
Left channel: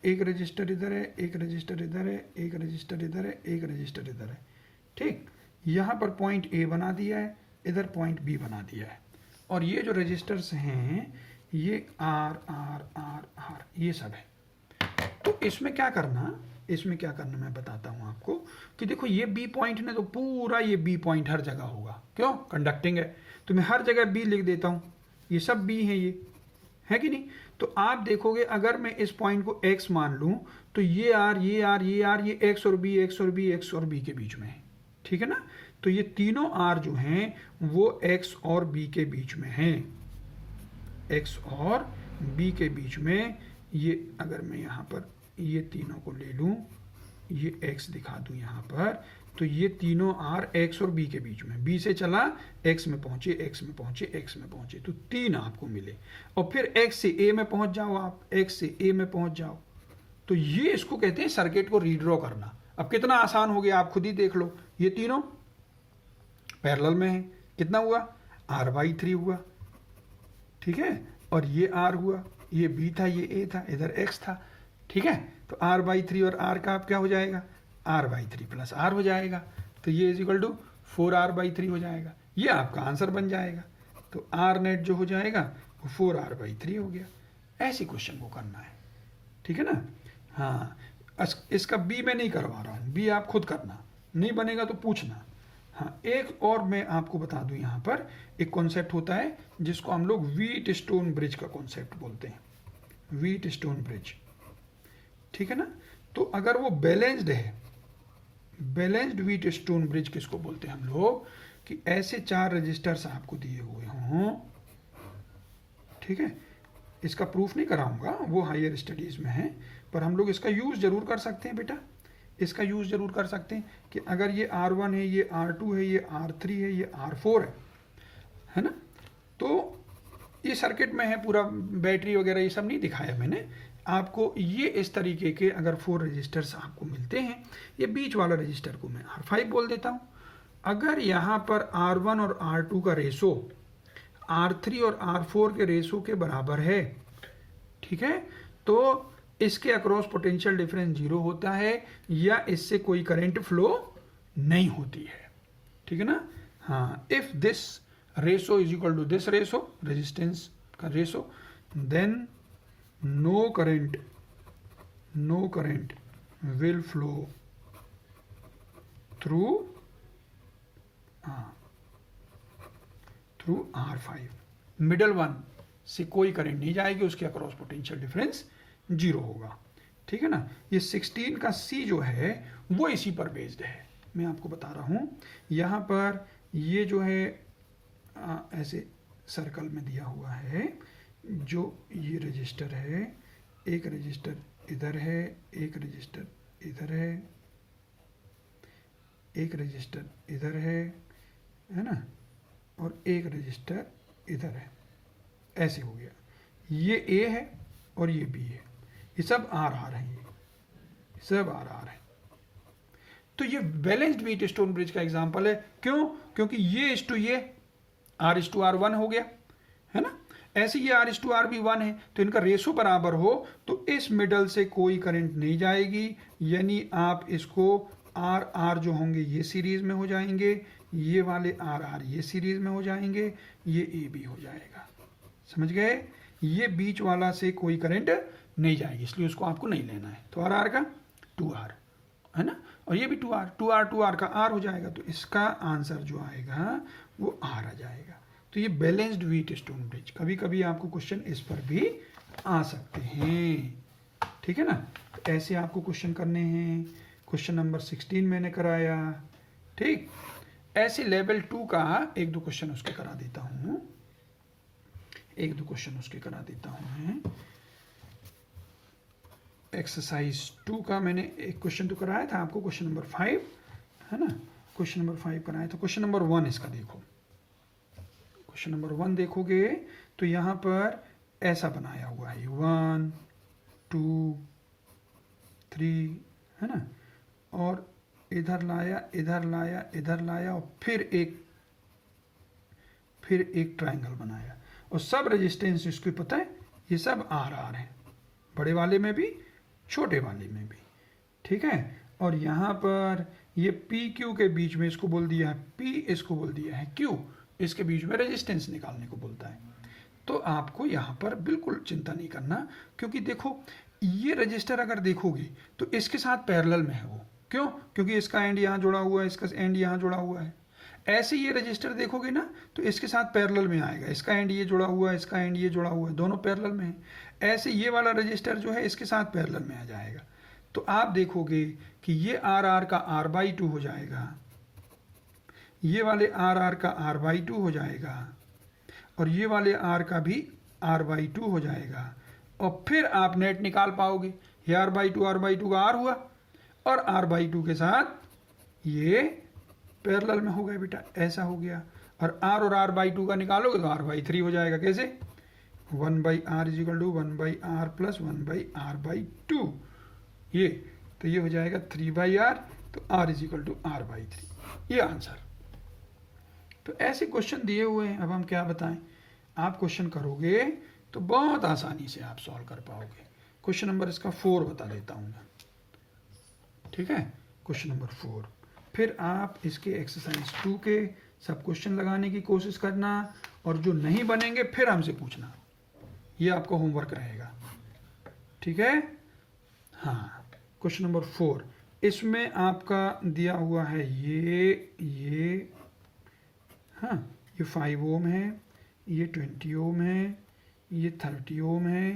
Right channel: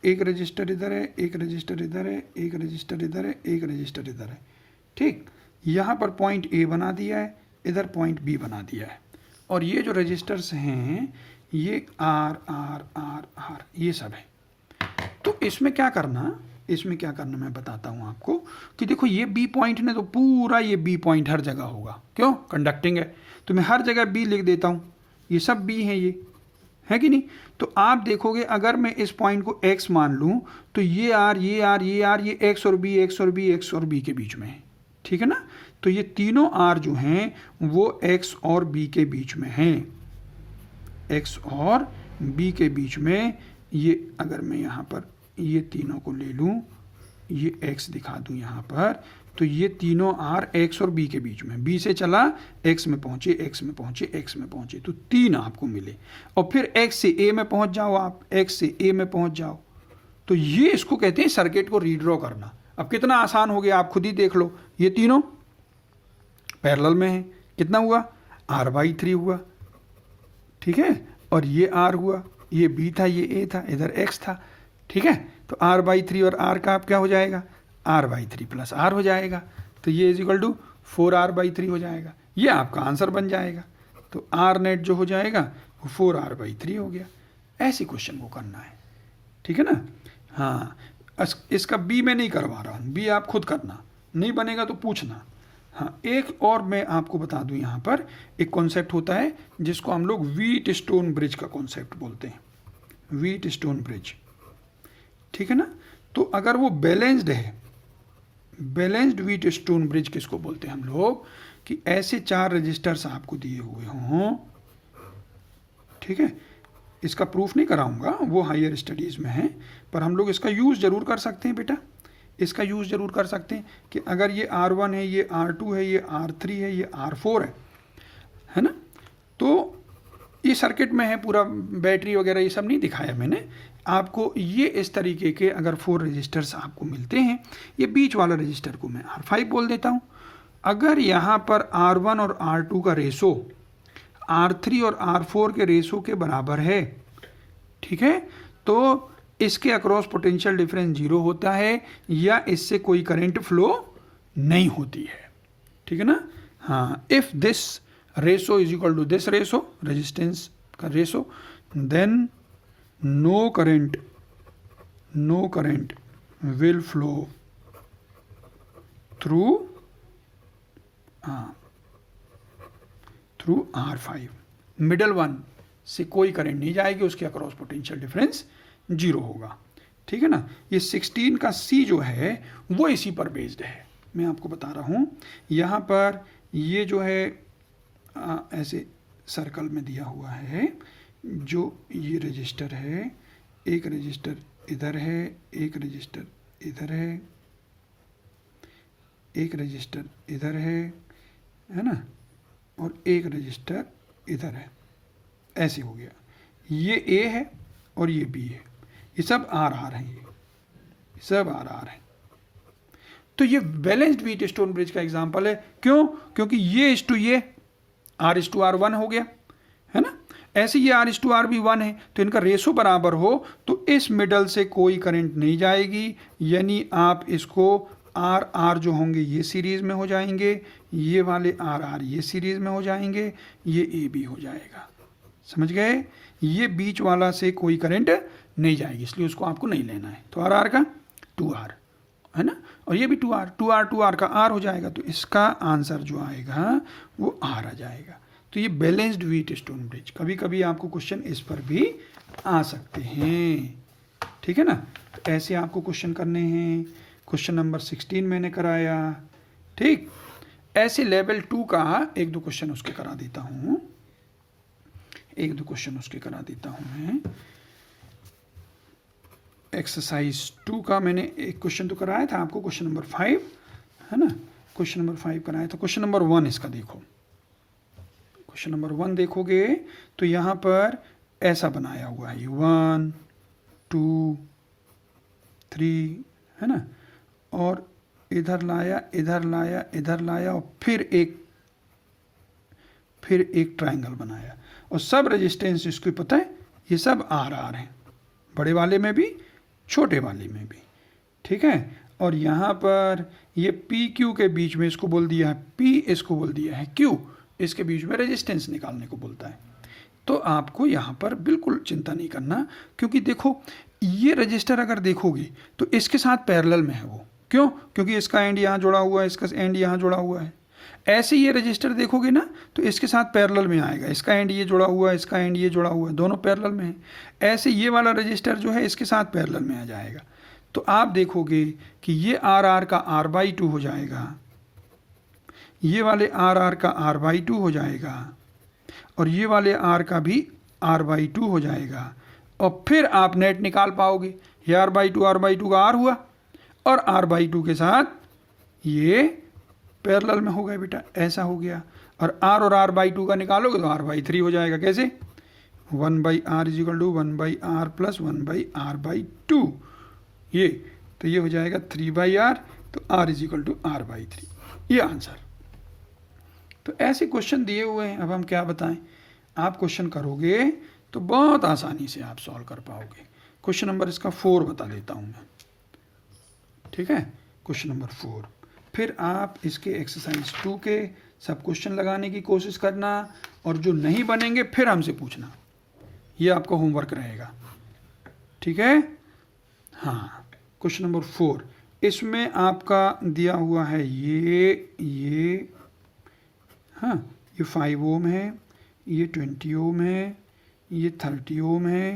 एक रजिस्टर इधर है, एक रजिस्टर इधर है, एक रजिस्टर इधर है, एक रजिस्टर इधर है, ठीक। यहाँ पर पॉइंट ए बना दिया है, इधर पॉइंट बी बना दिया है, और ये जो रजिस्टर्स हैं ये आर आर आर आर ये सब है। तो इसमें क्या करना, इसमें क्या करना मैं बताता हूँ आपको कि देखो ये बी पॉइंट ने तो पूरा ये बी पॉइंट हर जगह होगा, क्यों, कंडक्टिंग है, तो मैं हर जगह बी लिख देता हूँ, ये सब बी है, ये है कि नहीं। तो आप देखोगे अगर मैं इस पॉइंट को x मान लूँ तो ये आर ये आर ये आर ये x और b x और b x और b के बीच में है, ठीक है ना। तो ये तीनों आर जो हैं वो x और b के बीच में हैं, x और b के बीच में। ये अगर मैं यहाँ पर ये तीनों को ले लूँ, ये x दिखा दूँ यहाँ पर, तो ये तीनों आर x और b के बीच में, b से चला x में पहुँचे, x में पहुँचे, x में पहुँचे, तो 3 आपको मिले। और फिर x से a में पहुँच जाओ, आप x से a में पहुँच जाओ, तो ये इसको कहते हैं सर्किट को रीड्रॉ करना। अब कितना आसान हो गया आप खुद ही देख लो, ये तीनों पैरेलल में है, कितना हुआ r/3 हुआ, ठीक है, और ये r हुआ, ये b था, ये a था, इधर x था, ठीक है। तो r/3 और r का आप क्या हो जाएगा, r/3 + r हो जाएगा, तो ये इजिकल टू 4r/3 हो जाएगा, ये आपका आंसर बन जाएगा। तो r नेट जो हो जाएगा वो 4r/3 हो गया। ऐसी क्वेश्चन को करना है, ठीक है ना। हाँ, इसका b मैं नहीं करवा रहा हूँ, b आप खुद करना, नहीं बनेगा तो पूछना। हाँ, एक और मैं आपको बता दूं, यहाँ पर एक कॉन्सेप्ट होता है जिसको हम लोग व्हीट स्टोन ब्रिज का कॉन्सेप्ट बोलते हैं, व्हीट स्टोन ब्रिज, ठीक है ना। तो अगर वो बैलेंस्ड है, बैलेंस्ड व्हीट स्टोन ब्रिज किसको बोलते हैं हम लोग, कि ऐसे 4 रजिस्टर्स आपको दिए हुए हों, ठीक है। इसका प्रूफ नहीं कराऊंगा, वो हायर स्टडीज़ में है, पर हम लोग इसका यूज़ ज़रूर कर सकते हैं बेटा, इसका यूज़ ज़रूर कर सकते हैं कि अगर ये R1 है, ये R2 है, ये R3 है, ये R4 है ना। तो ये सर्किट में है पूरा, बैटरी वगैरह ये सब नहीं दिखाया मैंने आपको। ये इस तरीके के अगर 4 रजिस्टर्स आपको मिलते हैं, ये बीच वाला रजिस्टर को मैं R5 बोल देता हूँ। अगर यहाँ पर R1 और R2 का रेशो R3 और R4 के रेशो के बराबर है, ठीक है, तो इसके अक्रॉस पोटेंशियल डिफरेंस 0 होता है या इससे कोई करंट फ्लो नहीं होती है, ठीक है ना। हाँ, if this ratio is equal to this ratio, resistance का ratio, then no current will flow through R5, middle one से कोई करंट नहीं जाएगी, उसके अक्रॉस पोटेंशियल डिफरेंस 0 होगा, ठीक है ना। ये 16 का C जो है वो इसी पर बेस्ड है, मैं आपको बता रहा हूँ। यहाँ पर ये जो है ऐसे सर्कल में दिया हुआ है, जो ये रजिस्टर है, एक रजिस्टर इधर है, एक रजिस्टर इधर है, एक रजिस्टर इधर है ना, और एक रजिस्टर इधर है, ऐसे हो गया। ये A है और ये B है, ये सब R हैं, ये सब R हैं। तो ये बैलेंस्ड व्हीट स्टोन ब्रिज का एग्जांपल है, क्यों, क्योंकि ये इस टू ये R/R1 हो गया, है ना। ऐसे ये R/R भी 1 है, तो इनका रेशो बराबर हो तो इस मिडल से कोई करंट नहीं जाएगी, यानी आप इसको R जो होंगे ये सीरीज में हो जाएंगे, ये वाले R ये सीरीज में हो जाएंगे, ये AB हो जाएगा, समझ गए। ये बीच वाला से कोई करंट नहीं जाएगी, इसलिए उसको आपको नहीं लेना है। तो R का 2R, है ना, और ये भी 2R का R हो जाएगा, तो इसका आंसर जो आएगा वो R आ जाएगा। तो ये बैलेंस्ड व्हीट स्टोन ब्रिज, कभी कभी आपको क्वेश्चन इस पर भी आ सकते हैं, ठीक है ना। तो ऐसे आपको क्वेश्चन करने हैं। क्वेश्चन नंबर 16 मैंने कराया, ठीक। ऐसे लेवल 2 का एक दो क्वेश्चन उसके करा देता हूँ, मैं। एक्सरसाइज 2 का मैंने एक क्वेश्चन तो कराया था आपको, क्वेश्चन नंबर 5, है ना, क्वेश्चन नंबर 5 कराया था। क्वेश्चन नंबर 1 इसका देखो, क्वेश्चन नंबर 1 देखोगे तो यहाँ पर ऐसा बनाया हुआ है, 1 2 3, है ना, और इधर लाया और फिर एक ट्रायंगल बनाया, और सब रेजिस्टेंस इसको पता है, ये सब आर हैं, बड़े वाले में भी छोटे वाले में भी, ठीक है। और यहाँ पर ये पी क्यू के बीच में इसको बोल दिया है पी, इसको बोल दिया है क्यू, इसके बीच में रेजिस्टेंस निकालने को बोलता है। तो आपको यहाँ पर बिल्कुल चिंता नहीं करना, क्योंकि देखो ये रजिस्टर अगर देखोगे तो इसके साथ पैरेलल में है वो, क्यों, क्योंकि इसका एंड यहाँ जुड़ा हुआ है, इसका एंड यहाँ जुड़ा हुआ है। ऐसे ये रजिस्टर देखोगे ना तो इसके साथ पैरेलल में आएगा, इसका एंड ये जुड़ा हुआ है, इसका एंड ये जुड़ा हुआ है, दोनों पैरेलल में है। ऐसे ये वाला रजिस्टर जो है इसके साथ पैरेलल में आ जाएगा। तो आप देखोगे कि ये आर का R/2 हो जाएगा, ये वाले आर का R/2 हो जाएगा, और ये वाले R का भी R/2 हो जाएगा। और फिर आप नेट निकाल पाओगे, ये R/2 का R हुआ, और R/2 के साथ ये पैरेलल में हो गए बेटा, ऐसा हो गया। और R और R/2 का निकालोगे तो R/3 हो जाएगा। कैसे? 1/R = 1/R + 1/R/2, ये तो ये हो जाएगा 3/R, तो R = R/3, ये आंसर। तो ऐसे क्वेश्चन दिए हुए हैं, अब हम क्या बताएं। आप क्वेश्चन करोगे तो बहुत आसानी से आप सॉल्व कर पाओगे। क्वेश्चन नंबर इसका 4 बता देता हूं मैं, ठीक है। क्वेश्चन नंबर 4, फिर आप इसके एक्सरसाइज 2 के सब क्वेश्चन लगाने की कोशिश करना, और जो नहीं बनेंगे फिर हमसे पूछना, ये आपका होमवर्क रहेगा, ठीक है। हाँ, क्वेश्चन नंबर 4, इसमें आपका दिया हुआ है ये हाँ, ये 5 ओम है, ये 20 ओम है, ये 30 ओम है,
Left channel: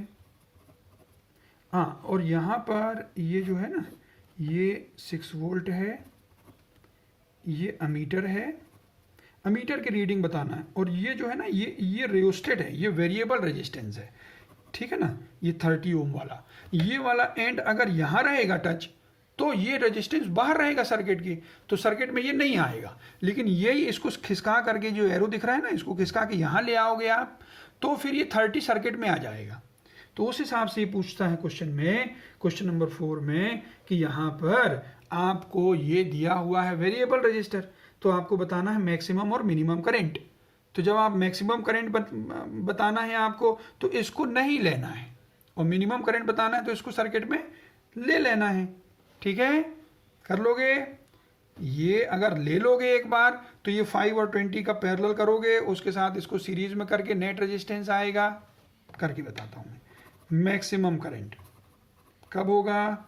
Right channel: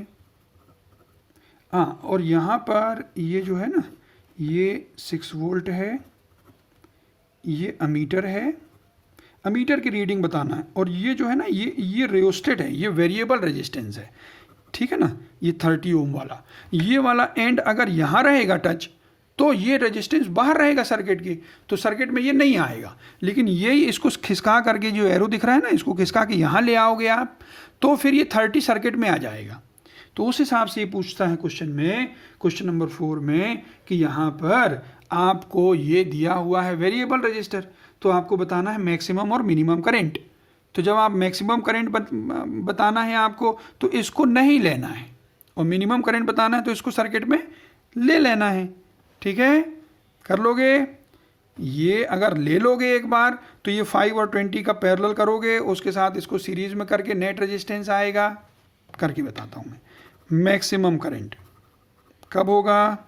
हाँ, और यहाँ पर ये जो है ना, ये 6 वोल्ट है, ये अमीटर है, अमीटर की रीडिंग बताना है। और ये जो है ना, ये रियोस्टेट है, ये वेरिएबल रेजिस्टेंस है, ठीक है ना। ये 30 ओम वाला, ये वाला एंड अगर यहाँ रहेगा टच, तो ये रेजिस्टेंस बाहर रहेगा सर्किट की, तो सर्किट में ये नहीं आएगा। लेकिन यही इसको खिसका करके, जो एरो दिख रहा है ना, इसको खिसका के यहाँ ले आओगे आप, तो फिर ये 30 सर्किट में आ जाएगा। तो उस हिसाब से ये पूछता है क्वेश्चन में, क्वेश्चन नंबर 4 में, कि यहाँ पर आपको ये दिया हुआ है वेरिएबल रजिस्टर, तो आपको बताना है मैक्सिमम और मिनिमम करंट। तो जब आप मैक्सिमम करंट बताना है आपको, तो इसको नहीं लेना है, और मिनिमम करंट बताना है तो इसको सर्किट में ले लेना है, ठीक है। कर लोगे ये, अगर ले लोगे एक बार तो ये 5 और 20 का पैरेलल करोगे, उसके साथ इसको सीरीज में करके नेट रेजिस्टेंस आएगा। करके बताता हूँ मैं। मैक्सिमम करंट कब होगा?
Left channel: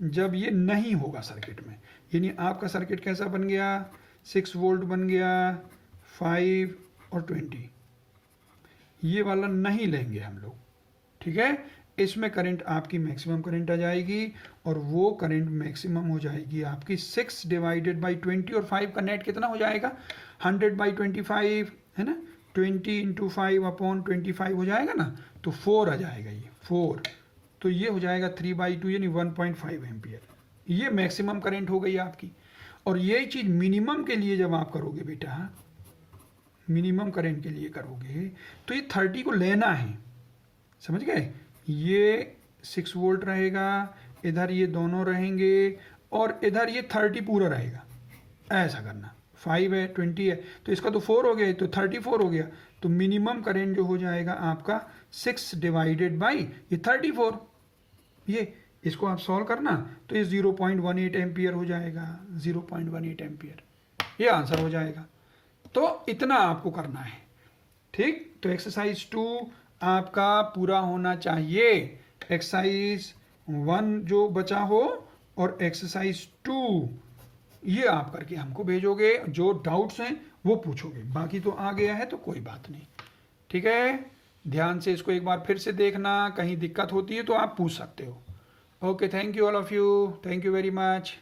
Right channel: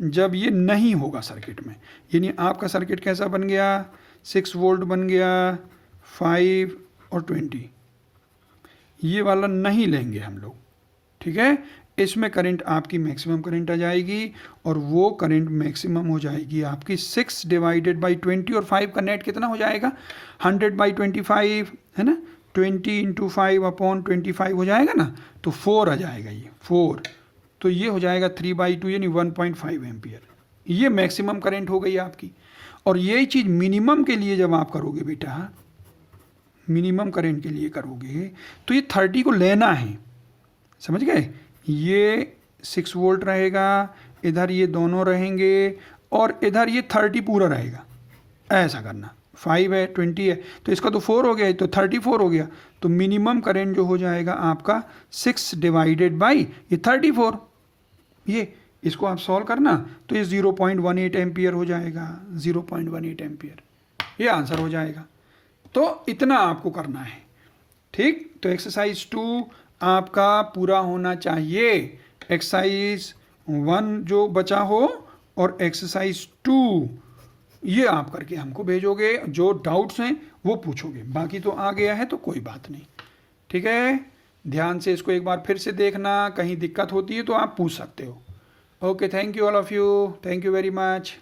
जब ये नहीं होगा सर्किट में, यानी आपका सर्किट कैसा बन गया, 6 वोल्ट बन गया, 5 और 20, ये वाला नहीं लेंगे हम लोग, ठीक है। इसमें करंट आपकी मैक्सिमम करंट आ जाएगी, और वो करंट मैक्सिमम हो जाएगी आपकी 6 / 20, और 5 का नेट कितना हो जाएगा, 100/25, है ना, 20 × 5/25 हो जाएगा ना, तो 4 आ जाएगा, ये 4, तो ये हो जाएगा 3/2 यानी 1.5 एम्पियर। ये मैक्सिमम करंट हो गई आपकी। और यही चीज़ मिनिमम के लिए जब आप करोगे बेटा, मिनिमम करंट के लिए करोगे, तो ये 30 को लेना है, समझ गए। ये 6 वोल्ट रहेगा, इधर ये दोनों रहेंगे, और इधर ये 30 पूरा रहेगा, ऐसा करना। 5 है, 20 है, तो इसका तो 4 हो गया, तो 34 हो गया। तो मिनिमम करंट जो हो जाएगा आपका 6 / ये 34, ये इसको आप सॉल्व करना, तो ये 0.18 एम्पियर हो जाएगा, 0.18 एम्पियर, ये आंसर हो जाएगा। तो इतना आपको करना है, ठीक। तो एक्सरसाइज 2 आपका पूरा होना चाहिए। एक्सरसाइज 1 जो बचा हो और एक्सरसाइज 2 ये आप करके हमको भेजोगे, जो डाउट्स हैं वो पूछोगे, बाकी तो आ गया है तो कोई बात नहीं। ठीक है, ध्यान से इसको एक बार फिर से देखना, कहीं दिक्कत होती है तो आप पूछ सकते हो। Okay, thank you all of you, thank you very much.